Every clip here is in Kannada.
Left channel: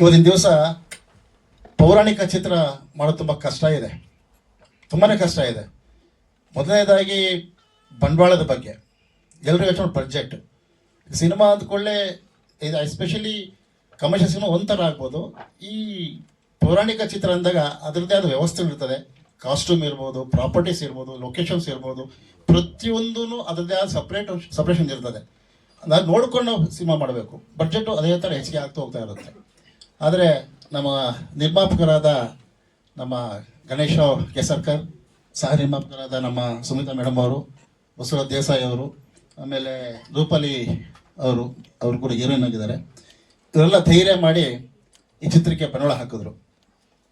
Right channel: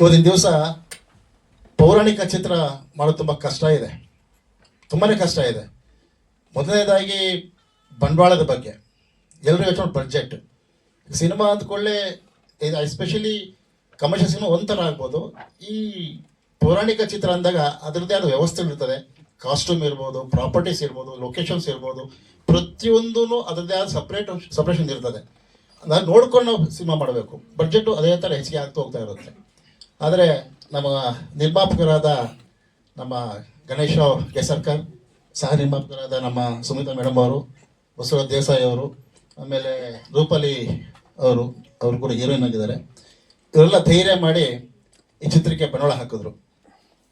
ಇವತ್ತಿನ ದಿವಸ ಪೌರಾಣಿಕ ಚಿತ್ರ ಮಾಡೋದು ತುಂಬ ಕಷ್ಟ ಇದೆ, ತುಂಬಾ ಕಷ್ಟ ಇದೆ. ಮೊದಲನೇದಾಗಿ ಬಂಡವಾಳದ ಬಗ್ಗೆ ಎಲ್ಲರೂ ಯೋಚನೆ ಬಡ್ಜೆಟ್. ಸಿನಿಮಾ ಅಂದ್ಕೊಳ್ಳೆ ಇದು ಎಸ್ಪೆಷಲಿ ಕಮರ್ಷಿಯಲ್ ಸಿನಿಮಾ ಒಂಥರ ಆಗ್ಬೋದು. ಈ ಪೌರಾಣಿಕ ಚಿತ್ರ ಅಂದಾಗ ಅದರದ್ದೇ ಆದ ವ್ಯವಸ್ಥೆಗಳಿರ್ತದೆ. ಕಾಸ್ಟ್ಯೂಮ್ ಇರ್ಬೋದು, ಪ್ರಾಪರ್ಟೀಸ್ ಇರ್ಬೋದು, ಲೊಕೇಶನ್ಸ್ ಇರ್ಬೋದು, ಪ್ರತಿಯೊಂದೂ ಅದರದ್ದೇ ಆದ ಸಪ್ರೇಷನ್ ಇರ್ತದೆ. ನಾನು ನೋಡ್ಕೊಂಡು ಸಿನಿಮಾ ಮಾಡಬೇಕು. ಬಡ್ಜೆಟು ಅದೇ ಥರ ಹೆಚ್ಚಿಗೆ ಆಗ್ತಾ ಹೋಗ್ತಾ ಇರುತ್ತೆ. ಆದರೆ ನಮ್ಮ ನಿರ್ಮಾಪಕರಾದ ನಮ್ಮ ಗಣೇಶ ಕೇಸರ್ಕರ್, ಸಹ ನಿರ್ಮಾಪಕರಾದ ನಮ್ಮ ಸುಮಿತಾ ಮೇಡಮ್ ಅವರು, ಬಸವರಾಜ್ ದೇಸಾಯಿ ಅವರು, ಆಮೇಲೆ ರೂಪಾಲಿ ಅವರು ಕೂಡ ಹೀರೋಯಿನ್ ಆಗಿದ್ದಾರೆ. ಇವರೆಲ್ಲ ಧೈರ್ಯ ಮಾಡಿ ಈ ಚಿತ್ರಕ್ಕೆ ಬಂಡವಾಳ ಹಾಕಿದ್ರು.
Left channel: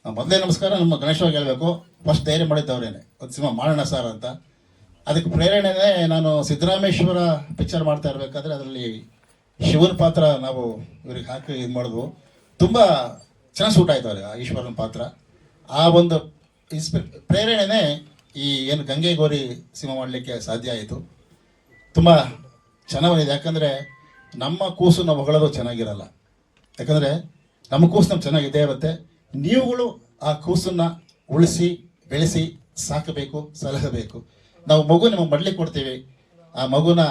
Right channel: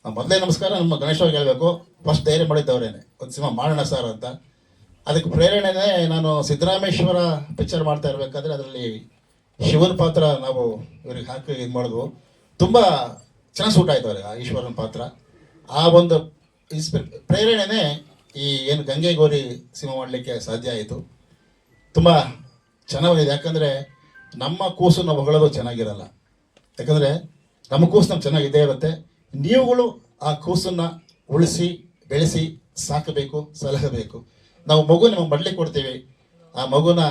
ಮೊದಲೇ ನಮಸ್ಕಾರ ನಮ್ಮ ಗಣೇಶ ಅವ್ರಿಗೆ ಹೇಳಬೇಕು, ಫಸ್ಟ್ ಧೈರ್ಯ ಮಾಡಿದ್ದವರೇನೆ ಒಂದು ಸಿನಿಮಾ ಮಾಡೋಣ ಸರ್ ಅಂತ. ಅದಕ್ಕೆ ಪ್ರೇರಣೆನೇ ನಾನು ಸಿದ್ದರಾಮೇಶ್ವರ ಪಿಕ್ಚರ್ ಮಾಡ್ತಾ ಇರಬೇಕಾದ್ರೆ ಅದರಲ್ಲಿ ಶಿವನ ಪಾತ್ರ ನಾವು ಇವ್ರಿಗೆ ಹಾಕಿ ಇದು ಮಾಡಿದ್ವು. ತುಂಬ ಚೆನ್ನಾಗಿ ಸೂಟ್ ಆಯ್ತು ಅವ್ರಿಗೆ ಆ ಈಶ್ವರನ ಪಾತ್ರ. ಆ ಒಂದು ಪ್ರೇರಣೆನೇ ಈ ಏನು ಗಂಗೆ ಗೌರಿ ಸಿನಿಮಾ ಮಾಡಲಿಕ್ಕೆ ಸಾಧ್ಯ ಆಯಿತು. ತುಂಬ ಚೆನ್ನಾಗಿದೆ. ಯಾಕಂದರೆ ನಮ್ಮ ಕೂಸು ನಾವು ಹೊಗಳೋದು ಚೆನ್ನಾಗಿರಲ್ಲ. ಯಾಕಂದರೆ ನಮ್ಮ ಕೂಸು ನಮ್ಗೆ ಚೆನ್ನಾಗಿದ್ದೇ ಇರುತ್ತೆ. ನೀವುಗಳು ಆ ಕೂಸನ್ನು ಉಳಿಸಿ ಬೆಳೆಸಿ ಸಾಕಬೇಕು, ಸಲಹಬೇಕು. ನಾವು ಮಗು ನಿಮಗೆ ಮಡ್ಲಿಕ್ಕೆ ಕೊಡ್ತೀವಿ, ಆ ಮಗುನ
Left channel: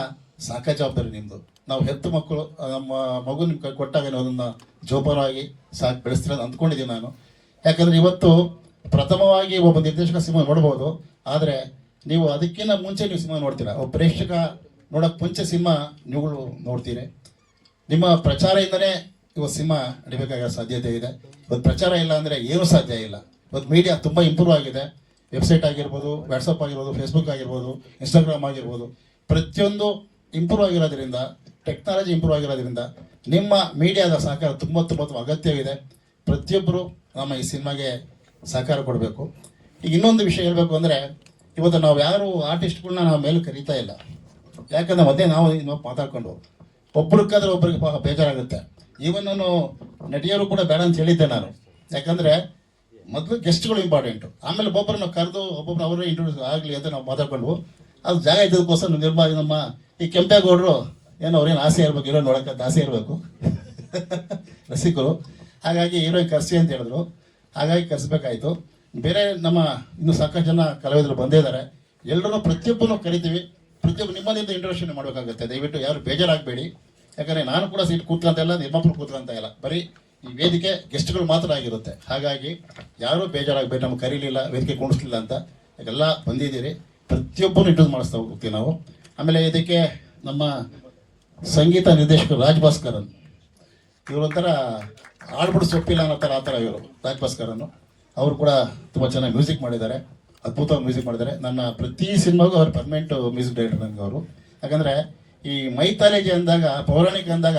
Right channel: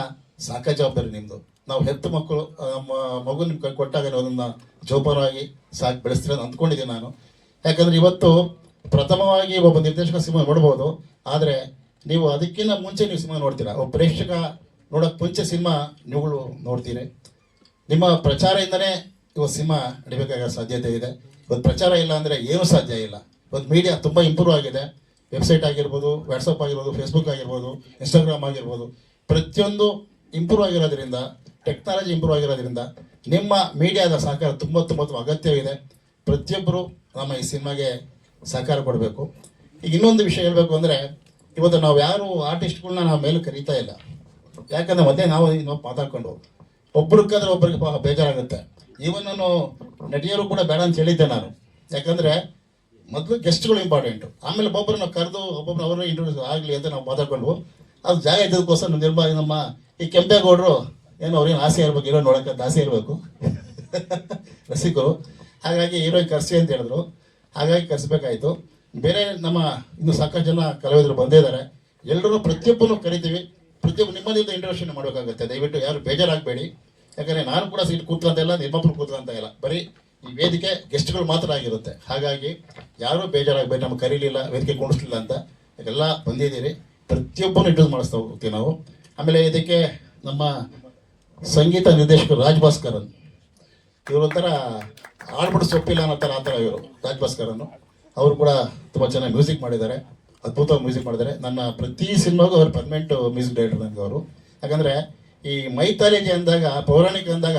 ಸಾಕೋ ಜವಾಬ್ದಾರಿ ನಿಮ್ಮದು. ನಾವು ಹೆತ್ತು ಮಕ್ಕಳು ನಮ್ಮ ಮಗು ನಿಮ್ಮ ಕೊಟ್ಟಾಗ ನೀವು ಅದನ್ನು ಜೋಪಾನವಾಗಿ ಸಾಕಿ ಬೆಳೆಸ್ತೀರ ಅಂದ್ಕೊಂಡಿದ್ದೀನಿ ನಾನು. ಯಾಕಂದರೆ ಇವತ್ತು ಪ್ರಥಮವಾಗಿ ಒಬ್ಬ ನಿರ್ದೇಶಕ ಸಿನಿಮಾ ನೋಡ್ಬೋದು, ಆದರೆ ನೀವು ಅದಕ್ಕಿಂತ ಮುಂಚೆ ನೀವು ಸಿನಿಮಾ ನೋಡ್ತೀರಾ. ಒಬ್ಬ ಪ್ರೇಕ್ಷಕ ನೋಡೋಕ್ಕೆ ಮುಂಚೆ ಸಿನಿಮಾ ನೀವುಗಳು ನೋಡ್ತೀರಿ. ನಿಮ್ಮ ಪ್ರಚಾರದಿಂದನೇ ಇವತ್ತು ಸಿನಿಮಾ ನಡಿಬೇಕಾಗೋ ಸಾಧ್ಯತೆ ಇದೆ. ಇವತ್ತು ಪ್ರಚಾರ ಇಲ್ಲ ಅಂದರೆ ಏನೂ ಸಾಧ್ಯ ಇಲ್ಲ. ಇವತ್ತು ಮೀಡಿಯಾ ತುಂಬ ಇಂಪ್ರೂವ್ ಆಗಿದೆ. ವೆಬ್ಸೈಟ್ ಆಗಿರ್ಬೋದು, ವಾಟ್ಸಪ್ ಆಗಿರ್ಬೋದು, ಫೇಸ್ಬುಕ್ ಆಗಿರ್ಬೋದು, ಇನ್ಸ್ಟಾಗ್ರಾಮ್ ಆಗಿರ್ಬೋದು, ಪ್ರತಿಯೊಂದು ಇಂಪ್ರೂವ್ ಆಗಿರೋದ್ರಿಂದ, ಟೆಕ್ನಾಲಜಿ ಇಂಪ್ರೂವ್ ಆಗಿರೋದ್ರಿಂದ ನಿಮ್ಮ ಮೀಡಿಯಾದ ಸಹಕಾರ ತುಂಬ ಅಗತ್ಯವಿದೆ. ಪ್ರತಿಯೊಬ್ಬರು ನಮ್ಮ ಈ ಸಿನಿಮಾಗೆ ಸಹಕಾರ ಕೊಡಬೇಕು. ಈಗ ಇನ್ನೊಂದು ವಿಷಯ ಹೇಳಬೇಕು ಅಂದರೆ, ಇವತ್ತು ನಾವು ಯಾರು ಆರ್ಟಿಸ್ಟ್ಗಳನ್ನ ನಾವು ಮೇಲೆ ಕರೀತಾ ಇಲ್ಲ. ಯಾಕಂದರೆ ಮತ್ತೆ ನಾವು ಮಾತಾಡ್ಕೊಂಡು ಒಬ್ರಿಗಾದ್ರೆ ಒಬ್ಬರಿಗೆ ಬೇಜಾರಾಗುತ್ತೆ. ಈವನ್ ನಾನು ನಟಿಯರು ಕೂಡ ಬೇಡ ಅಂತ ಹೇಳಿದ್ದೆ ನಾನು. ಯಾಕಂದರೆ ಮೊದಲು ಗೆಸ್ಟ್ಗಳು ಇಂಪಾರ್ಟೆಂಟು, ಆಮೇಲೆ ಒಬ್ಬೊಬ್ಬರನ್ನ ಕರೆದು ಒಬ್ಬೊಬ್ಬರು ಅವ್ರನ್ನ ಇಂಟ್ರೊಡ್ಯೂಸ್ ಆಗಲಿ ಅಂತ ನಾವು ಮಾತಾಡ್ಕೊಂಡು ಅದು ಜಾಗ ಇದ್ದದಕ್ಕೋಸ್ಕರ ನಮ್ಮ ಈ ಕೆಂಪೇಗೌಡರು ಏನೋ ಅವ್ರೇನು ಆಸೆ ಇರಬೇಕು, ಹೀರೋ ನೋಡೋಕ್ಕಂತ ಆಸೆ ಇರಬೇಕು ರಸಿಕರು. ಹಾಗಾಗಿ ಹೀರೋಯಿನ್ ಕರೆಸಿ ಅಂತ ಹೇಳಿದ್ರು. ಹಾಗಾಗಿ ಕರೆಸ್ಬೇಕಾಯಿತು. ಬೇರೆ ನಮ್ಮ ಇನ್ನೂ ಸಾಕಷ್ಟು ಜನ ಕಲಾವಿದರು ಬಂದೇ ಇದ್ದಾರೆ. ಎಲ್ಲರೂ ಪ್ರತಿಯೊಬ್ಬರೂ ಕರಿತೀವಿ. ಪ್ರತಿಯೊಬ್ಬರು ನಿಮ್ಮದಿಂದ ಇಂಟ್ರೊಡಕ್ಷನ್ ಮಾಡಬೇಕಾಗುತ್ತೆ. ದಯವಿಟ್ಟು ಯಾರು ಬೇಜಾರಾಗಬೇಡಿ. ಯಾಕಂದರೆ ನಾನು ಕೂಡ ಸೀಟ್ ಕೂತ್ಕೊಂತ ಇಲ್ಲ, ನಿರ್ಮಾಪಕರು ಕೂತ್ಕೊಂತ ಇಲ್ಲ. ಬರೀ ಈ ವೇದಿಕೆ ಗೆಸ್ಟ್ಗಳು ಮಾತ್ರ ಆಗಿರುತ್ತೆ. ಹಾಗಾಗಿ ಯಾರೂ ಬೇಜಾರಾಗಬೇಡಿ. ನಮ್ಗೆ ಕರೀಲಿಲ್ಲ, ವೇದಿಕೆ ಕುಣಿಸ್ಲಿಲ್ಲ ಅಂತ. ಎಲ್ಲ ಬಂದಿದ್ದೀರಿ. ಪ್ರತಿಯೊಬ್ಬರು ಇಂಟ್ರೊಡ್ಯೂಸ್ ಮಾಡಿಸ್ತಾ ಹೋಗ್ತೀವಿ ನಾವು. ಆಮೇಲೆ ಇದಕ್ಕೆ ನಮ್ಮ ಸಂಗೀತ ನಿರ್ದೇಶಕರು ರಾಜ್ ಭಾಸ್ಕರನ್, ಇವರೊಂಥರ ಆಡ್ಬಿಡು ಸೊಪ್ಪಿಲ್ಲ ಅನ್ನೋ ಥರ ಆ ಥರ ಇವರು ರಾಜ್ ಭಾಸ್ಕರನ್ನು. ಅವರು ಕೂಡ ತುಂಬ ಚೆನ್ನಾಗಿ ಮ್ಯೂಸಿಕ್ ಮಾಡಿದ್ದಾರೆ, ಅದ್ಭುತವಾಗಿ ಮ್ಯೂಸಿಕ್ ಮಾಡಿದ್ದಾರೆ. ನನ್ನ ಪ್ರತಿ ಸಿನಿಮಾಗೂ ಅವ್ರು ಪರ್ಮನೆಂಟ್ ಮ್ಯೂಸಿಕ್ ಡೈರೆಕ್ಟರ್ ನನಗೆ ಅವರು. ಯಾಕಂದರೆ ಈ ಮೈಥಾಲಜಿ ಅಂದಾಗ, ಪೌರಾಣಿಕ ಅಂದಾಗ